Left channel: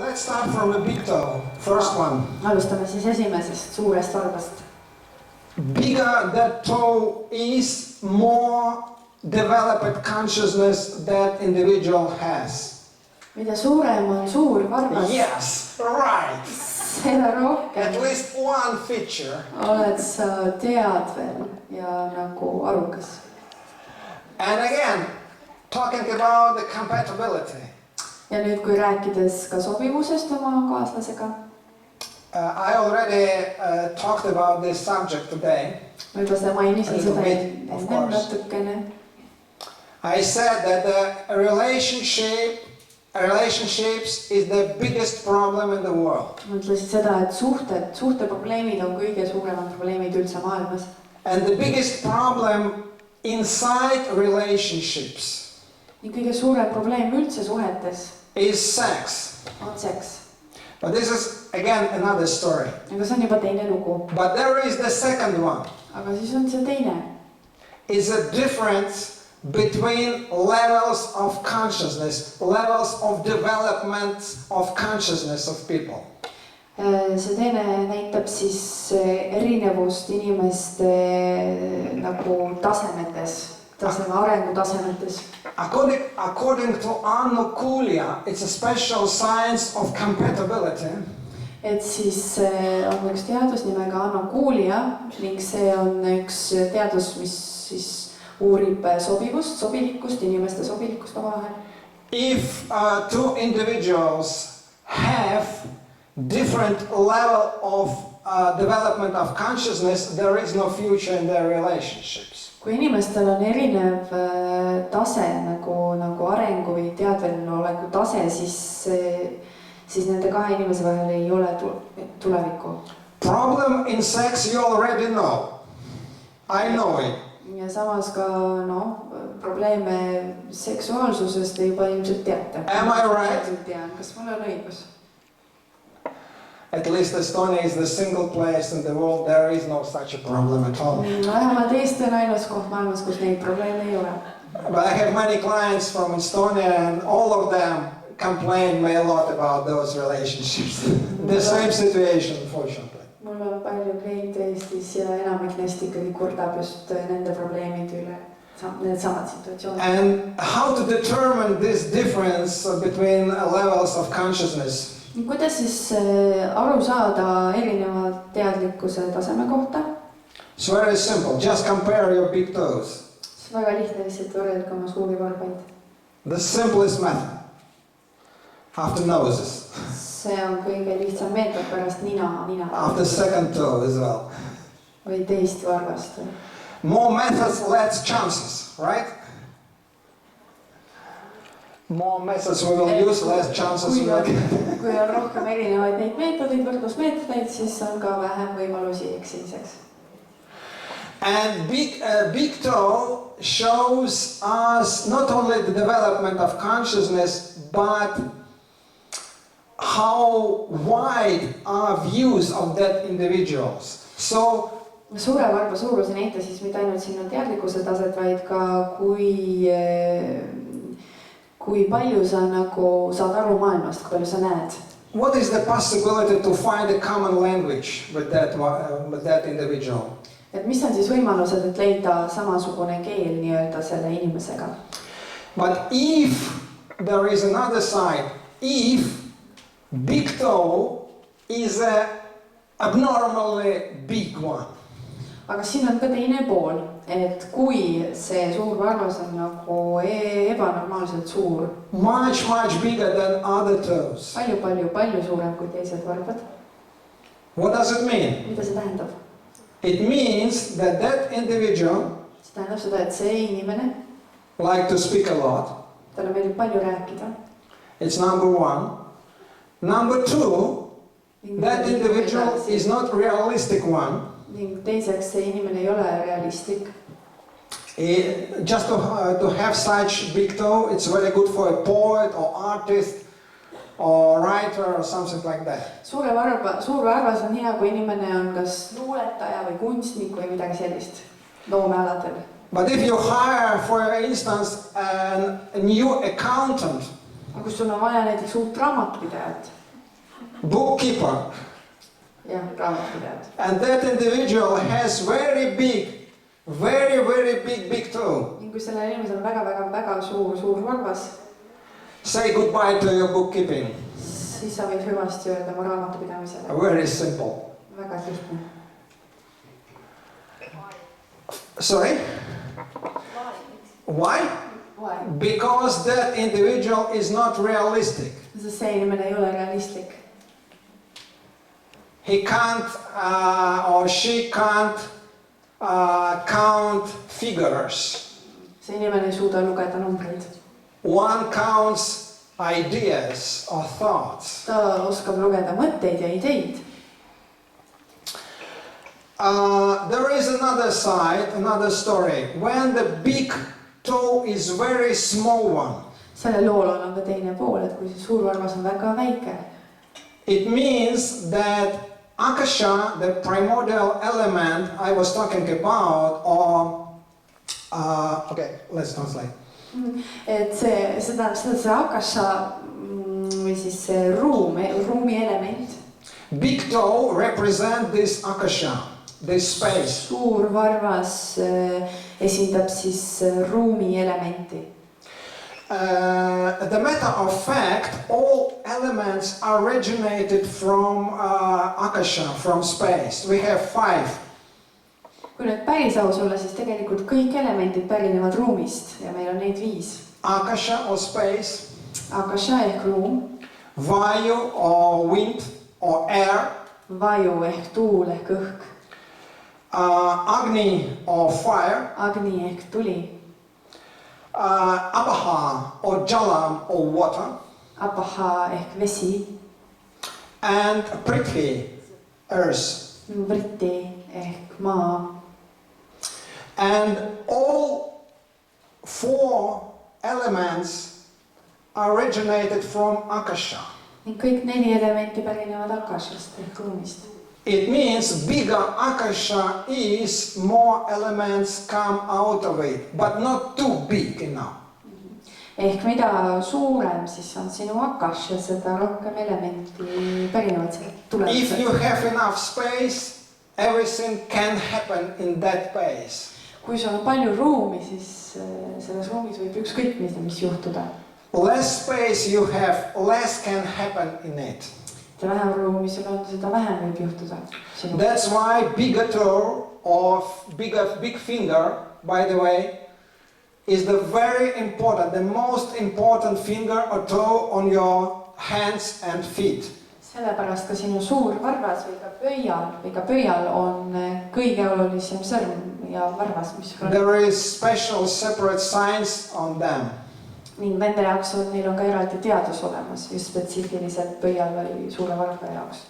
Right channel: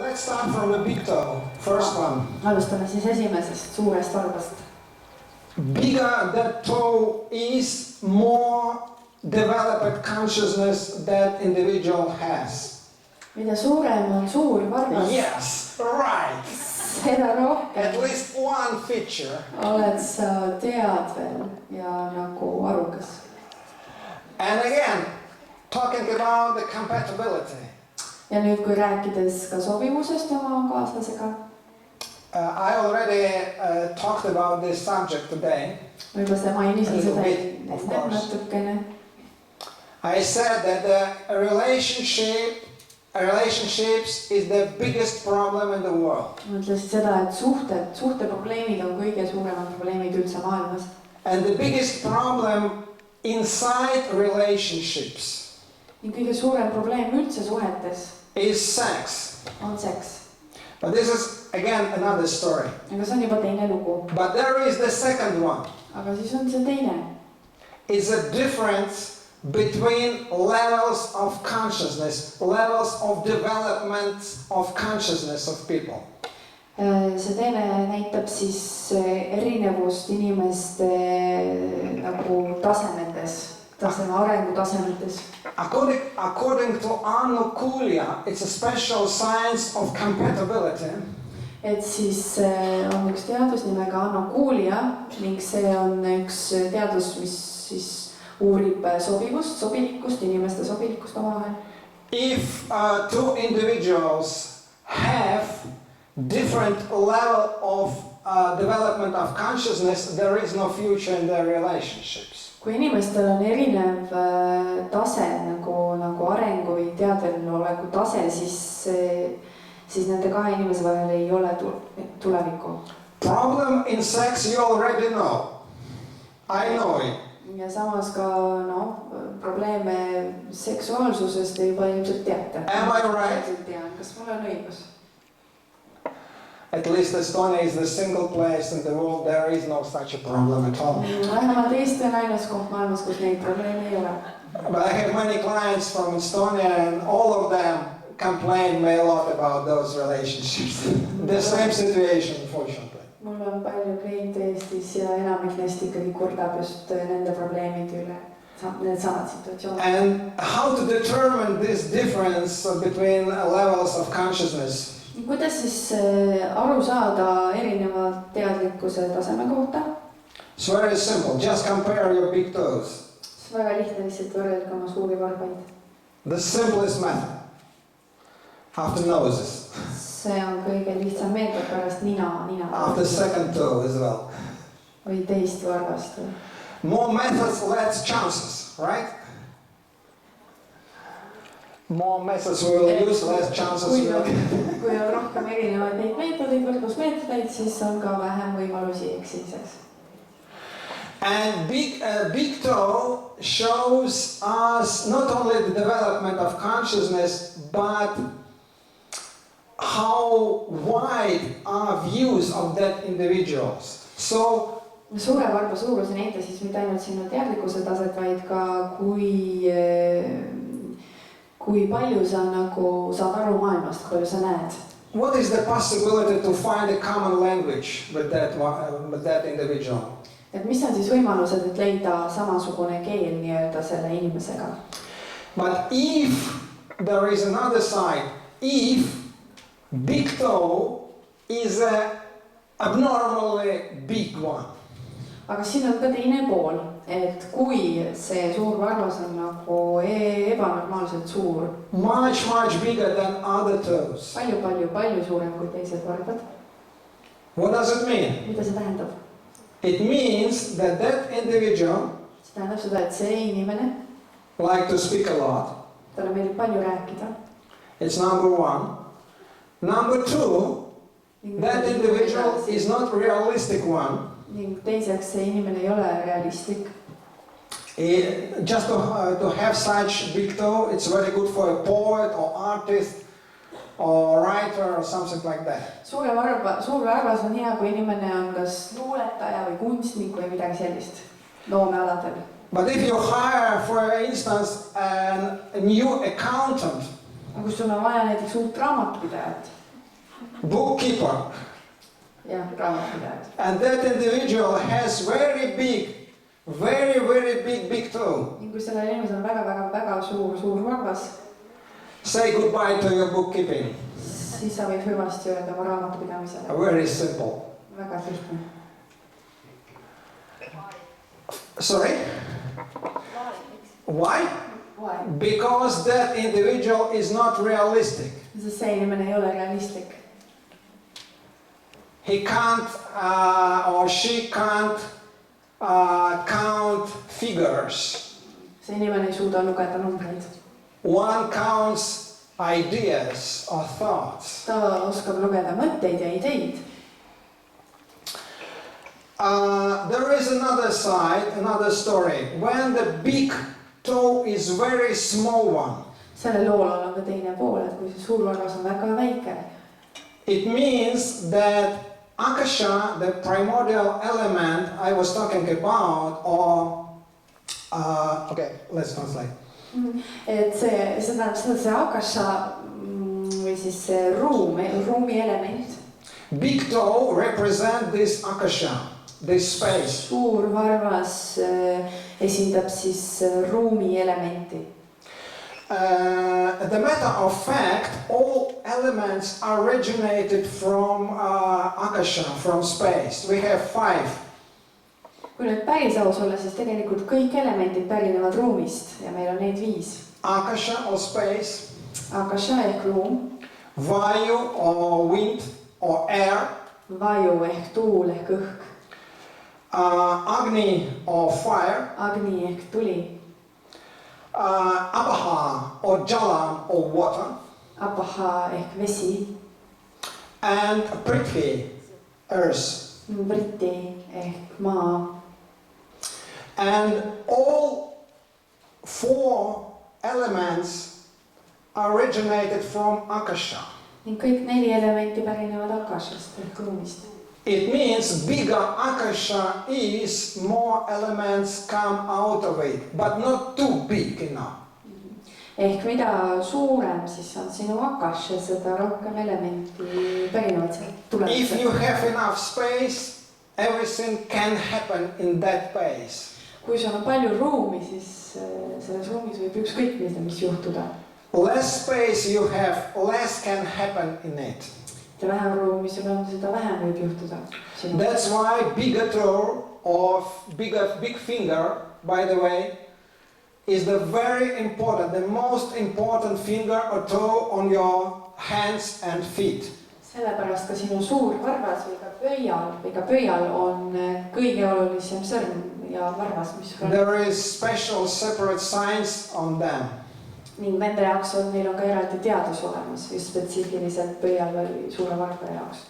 Let's start from the big toe, first one. Alustame siis esimesest suurest varvast. Bigger that toe is, more developed consciousness that individual has. Mida suurem on suur varvas, Yes, right. seda rohkem At least one feature. oled sa teadvel ja nagu arukas. And again, talking about the compatibility. Ja nüüd, kui rääkides ka sobivusest oma kaaslasega, I already talked about this subject today. ma juba seda mainisin A little seda bit, of enne course. natukene. I said that the relationships is the biggest problem in the world. Ma ütlesin seda, et suhteprobleemid on kõige suuremad probleemid üldse maailmas. And the biggest problem inside relationships Ning kõige suurem probleem üldse suhetes is sex. on seks. But this is again another story. Aga see on juba teine lugu. But there is the second one. Aga siis on see teine. It's a difference between levels of consciousness, levels of development of consciousness of people. See teine näitab siis erinevust inimeste nagu tasemetes, arengutasemetes. According to Anu Kulia, it's a special science of compatibility. Et siis on üks teadus nimega anokuulia ning see on üks teadus, mis siis uurib sobilikust, inimeste sobilikust omavahel. If two individuals have different level of development of consciousness, there is no future in their relationships. Kui inimestel on erinev tase nagu arengu või teadveloleku tase, siis nende kahe inimese vahel ei ole tulevikku. Problem in sex you already know. I know it. Ja samas ka probleeme seksuaalsusest te juba ilmselt teate. Am I right? Tean, kas mul on õigus? At least Estonia is the single place in the world there is no such a problem at all. Vähemalt Eesti on ainus koht maailmas, kus neid probleeme ei ole. But I have many clients from Estonia and all of them complain me a lot about those relationships. The same situation, unfortunately. Mul on palju kliente Eestis ja enamik neist ikkagi kurdab just nende probleemide üle, need samad situatsioonid. And how to determine this difference between levels of consciousness? Kuidas siis aru saada erineva teadlikkuse taseme kohta? It's very simple. Just compare your big toes. See on väga lihtne lihtsalt võrrelda oma suuri varbaid. The simplest method. After noses. See on kõige lihtsam meetod pärast nina. After second toe as well. Või teist varvast. More methods, less chances, right? More methods we will use, less chances. Kui on rohkem erinevaid neid meetodeid, võrdlusmeetodeid, siis on ka vähem võimalusi eksimiseks. And big toe shows us not only the development of consciousness, but how wide are views of that individuals. So suure varba suurus ei näita siis mitte ainult sinu teadlikkuse taset, vaid ka kui palju sa nagu saad aru maailmast, kui palju sa näed. What is the possibility to find a common language with that individual? Et mis on siis võimalused, et leida samasugune keel nii-öelda selle inimesega? But if there is another side, if big toe is a abnormally big one. Aga siin on ka teine pool, et kui see suur varvas on nagu ebanormaalselt suur. Much bigger than other toes. Palju suurem kui teised varvad. What does it mean? Mida see tähendab? It means that individual See tähendab seda, et see inimene like to speak a lot. Talle meeldib palju rääkida. It's number one. Number two, that individual is not realistic one. Ning teiseks see inimene ei ole realistlik. Just to have such big toe, it's very good for a poet or artist or writer or something like that. Suur varvas on hea, kui inimene on kas luuletaja või kunstnik või midagi sellist loomealadel. But if you hire, for instance, a new accountant, kus sul on vaja näiteks uut raamatupidajat, bookkeeper. jah, raamatupidaja. And that individual has very big toe. ning kui sellel inimesel on väga suur varvas, Say goodbye to your bookkeeping. siis sa võid hüvasti öelda oma raamatupidamisele. Very simple. Väga lihtne. Sorry? Why? Why? Because that individual is not realistic. Sest see inimene ei ole realistlik. He can't or she can't count figures. See inimene ei suuda lugeda numbreid. One counts ideas or thoughts. Ta oskab lugeda mõtteid ja ideid. There is another side, another story. When the big toe is very small one, Sellel lool on ka teine pool, et kui see suur varvas on väga väike, it means that Akasha, the primordial element I was talking about, or okay, let's translate. et see tähendab seda, et see akasha või siis see ruumi element, Big toe represent this Akasha, this space. suur varvas esindab siis ruumi elementi. The matter of fact, all elements originated from Akasha, from space. We have 5. Kui nüüd päris aus olla, siis tegelikult kõik elemendid pärinevad ruumist ja meil on neid 5. Akasha or space, Akasha ehk ruum, Vayu or wind or air, vaju ehk tuul ehk õhk, Agni or fire, agni ehk tuli, Apaha or Jalam or water, apaha ehk vesi, and Prithvi, earth. vriti ehk maa. And all 4 elements originated from Akasha. Ning kõik 4 elementi pärinevad akashast ehk ruumist. It means bigger Akasha is, more elements come out of it, but not too big enough. Ehk mida suurem siis on sinu akash ja seda rohkem elementi pärinevad sealt If you tulevad. have enough space, everything can happen in that space. Kui sul on palju ruumi, siis selles ruumis võib ükskõik mis juhtuda. Less space you have, less can happen in it. Ja vähem ruumi sul on, seda vähem võib juhtuda. That's why bigger toe or big finger, by the way, is the very important, the most important finger or toe on your hands and feet. Sellepärast ka sinu suur varvas või ka pöial on kõige olulisem sõrm ja varvas, mis sul on. There is special separate science on them. Ning nende jaoks neil on ka eraldi teadus olemas, just spetsiifiliselt pöial või suure varva jaoks.